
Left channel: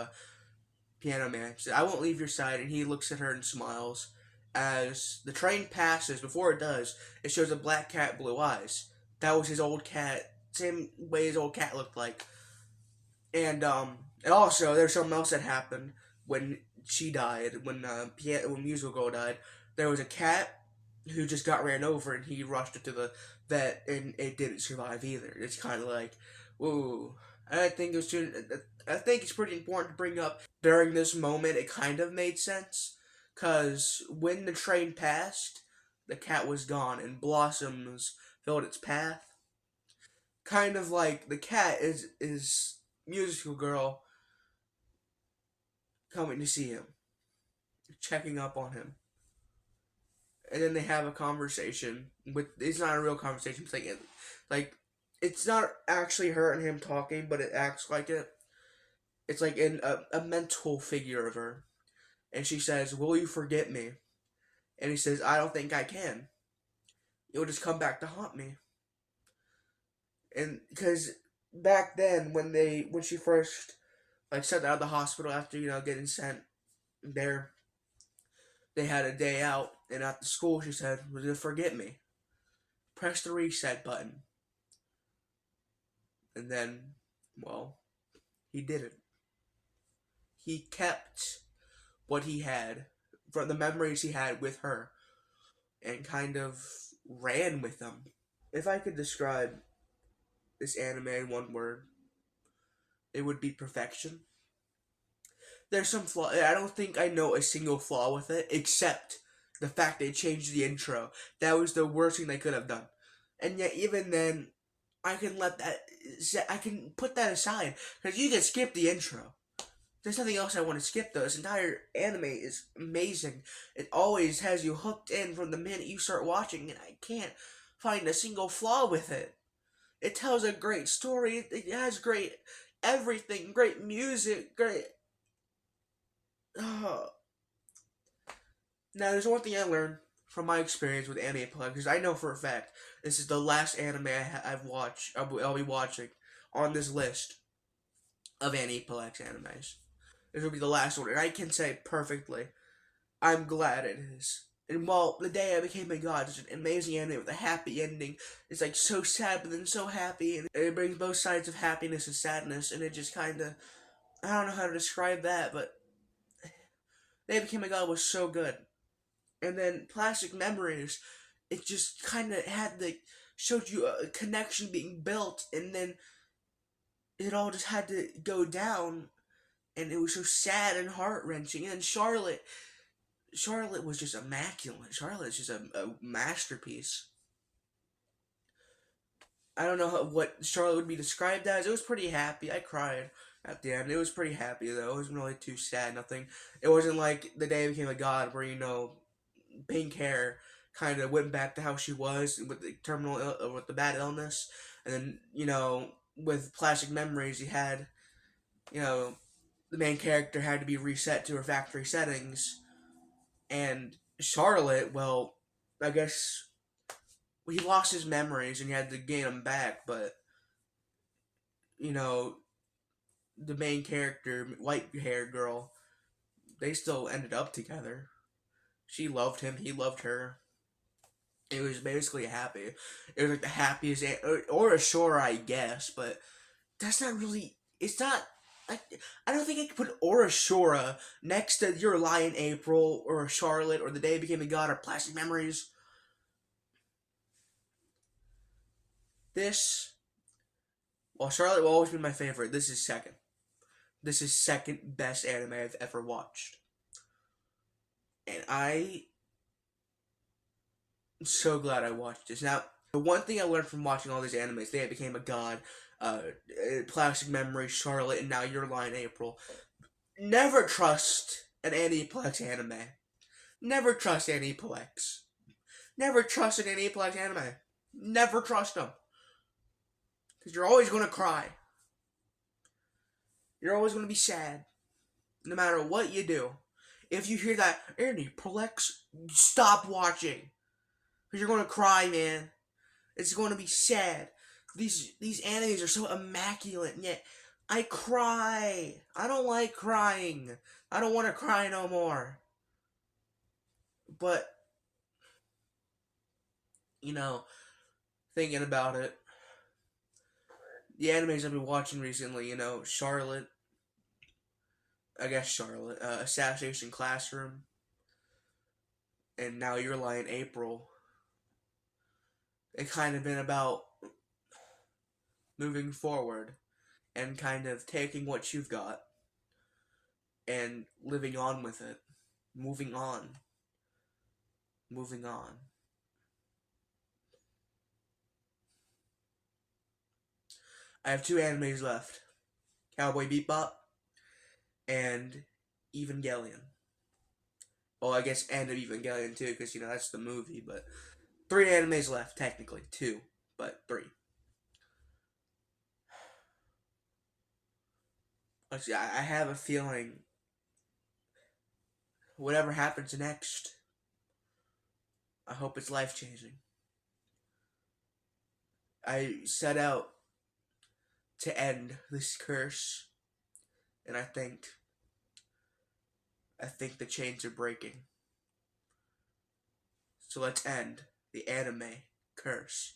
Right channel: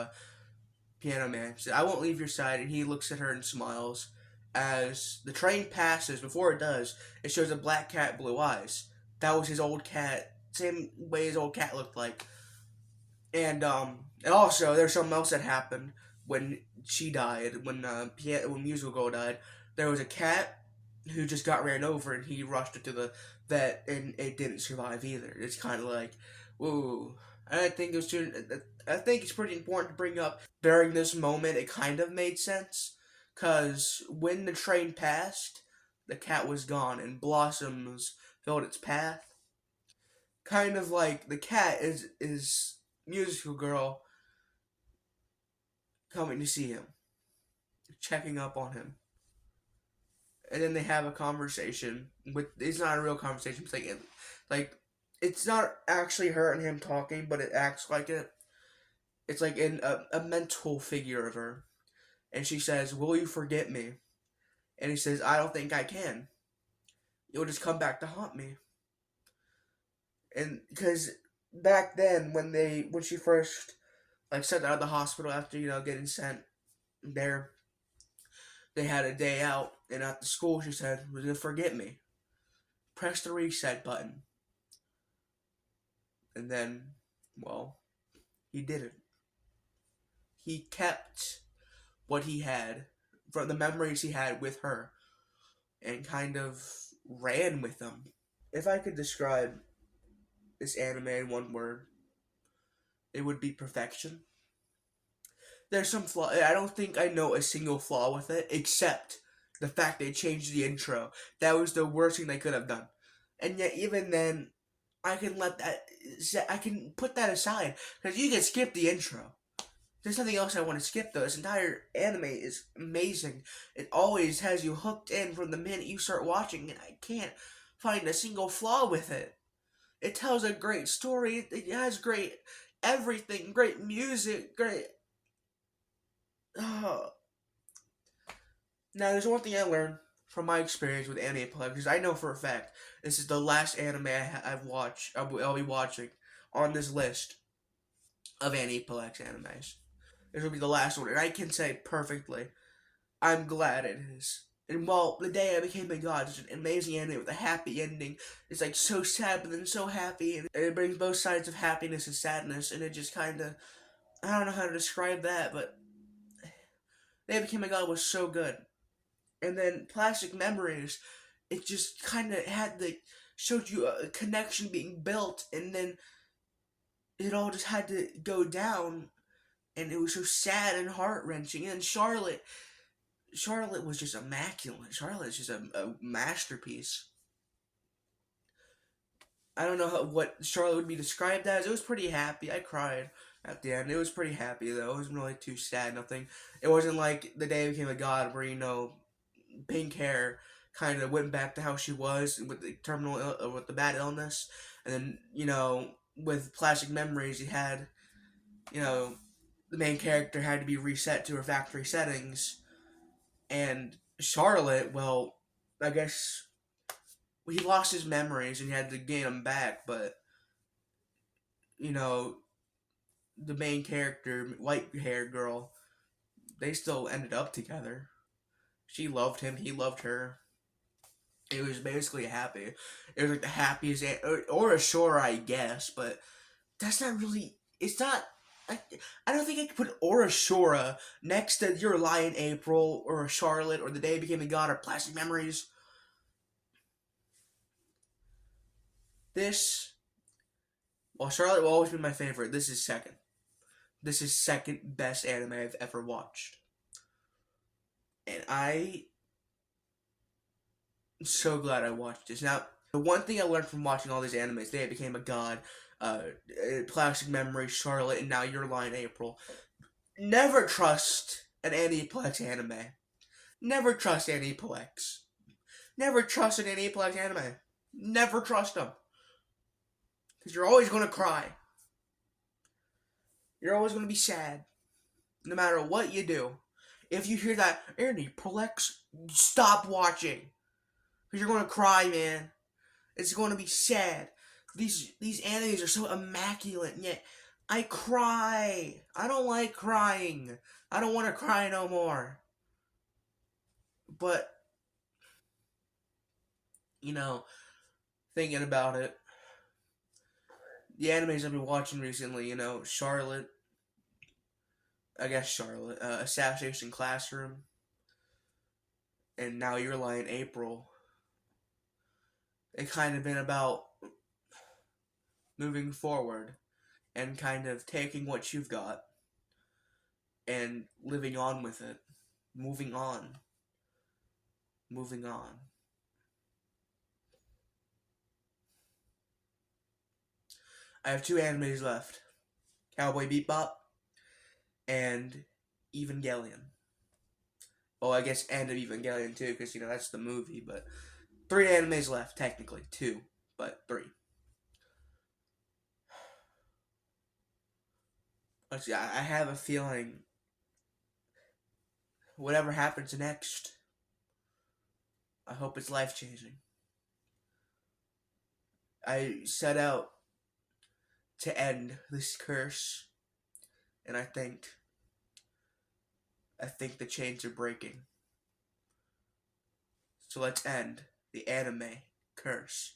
Piano Man. She said, I won't leave your side. And he looks at her and smiles. As the train passes, before it does, it shows a black cat, blue eyes. That was his old cat, same way his old cat looked like. And also, there's something else that happened when she died, when Musical Girl died. There was a cat who just got ran over, and he rushed it to the vet, and it didn't survive either. It's kind of like, ooh. And I think it's pretty important to bring up during this moment. It kind of made sense, because when the train passed, the cat was gone, and blossoms filled its path. Kind of like the cat is Musical Girl coming to see him, checking up on him. And then they have a conversation it's not a real conversation. It's like it's not actually her and him talking, but it acts like it. It's like a mental figure of her. And she says, will you forget me? And he says, I don't think I can. You'll just come back to haunt me. And because back then, when she first sent out of the hospital after getting sent there, they had a day out, and at the school she said, "Will you forget me? Press the reset button." And then, well, he didn't. He kept what he had from the memories he had with her, and kind of ran with them. If I could describe this anime in one word, it would be perfection. There's some flaw. I don't think I know a single flaw with it, except the fact they changed the intro. That was the worst thing they could have done. And yet, even then, I can put that aside, because you can skip the intro. There's nothing else I want to skip, though. This entire anime is amazing. It always has you hooked in from the minute you start watching, and I can't find a single flaw with it. It tells a great story. It has great everything, great music, great... Now, there's one thing I learned from my experience with Anime Plug, because I know for a fact this is the last anime I've watched. I'll be watching on this list of Anime Plex animes. This will be the last one, and I can say perfectly, I'm glad it is. And while The Day I Became a God is an amazing ending with a happy ending, it's like so sad but then so happy, and it brings both sides of happiness and sadness, and it just kind of, I don't know how to describe that, but The Day I Became a God was so good. And then Plastic Memories, it just kind of had the, showed you a connection being built, and then it all just had to go down, and it was so sad and heart-wrenching. And Charlotte was just immaculate. Charlotte is just a masterpiece. I don't know what Charlotte would be described as. It was pretty happy. I cried at the end. It was pretty happy, though. It wasn't really too sad, nothing. It wasn't like The Day I Became a God, where, pink hair kind of went back to how she was with the with the bad illness. And then, with Plastic Memories, you had, the main character had to be reset to her factory settings. And Charlotte, well, I guess he lost his memories and he had to gain them back, but, the main character, white-haired girl, they still ended up together. She loved him, he loved her. It was basically happy. It was like the happiest, or ashore, I guess, but that's not really, it's not, I don't think I could put Orashora next to Your Lie in April, or Charlotte, or The Day I Became a God, or Plastic Memories. While Charlotte will always be my favorite, this is second. This is second best anime I've ever watched. And I'm so glad I watched this. Now, the one thing I learned from watching all these animes, They Became a God, Plastic Memories, Charlotte, and now Your Lie in April. Never trust an Aniplex anime. Never trust Aniplex. Never trust an Aniplex anime. Never trust them. Because you're always going to cry. You're always going to be sad. No matter what you do. If you hear that, Aniplex, stop watching. Because you're going to cry, man. It's going to be sad. These animes are so immaculate, and yet I cry. I don't like crying. I don't want to cry no more. But, thinking about it, the animes I've been watching recently, Charlotte, Assassination Classroom, and now Your Lie in April. It kind of been about moving forward and kind of taking what you've got and living on with it. Moving on. I have 2 animes left. Cowboy Bebop and Evangelion. Oh, I guess End of Evangelion too, because, that's the movie, but 3 animes left, technically. 2, but 3. Let's see, I have a feeling whatever happens next, I hope it's life-changing. I set out to end this curse, and I think the chains are breaking. So let's end the anime curse.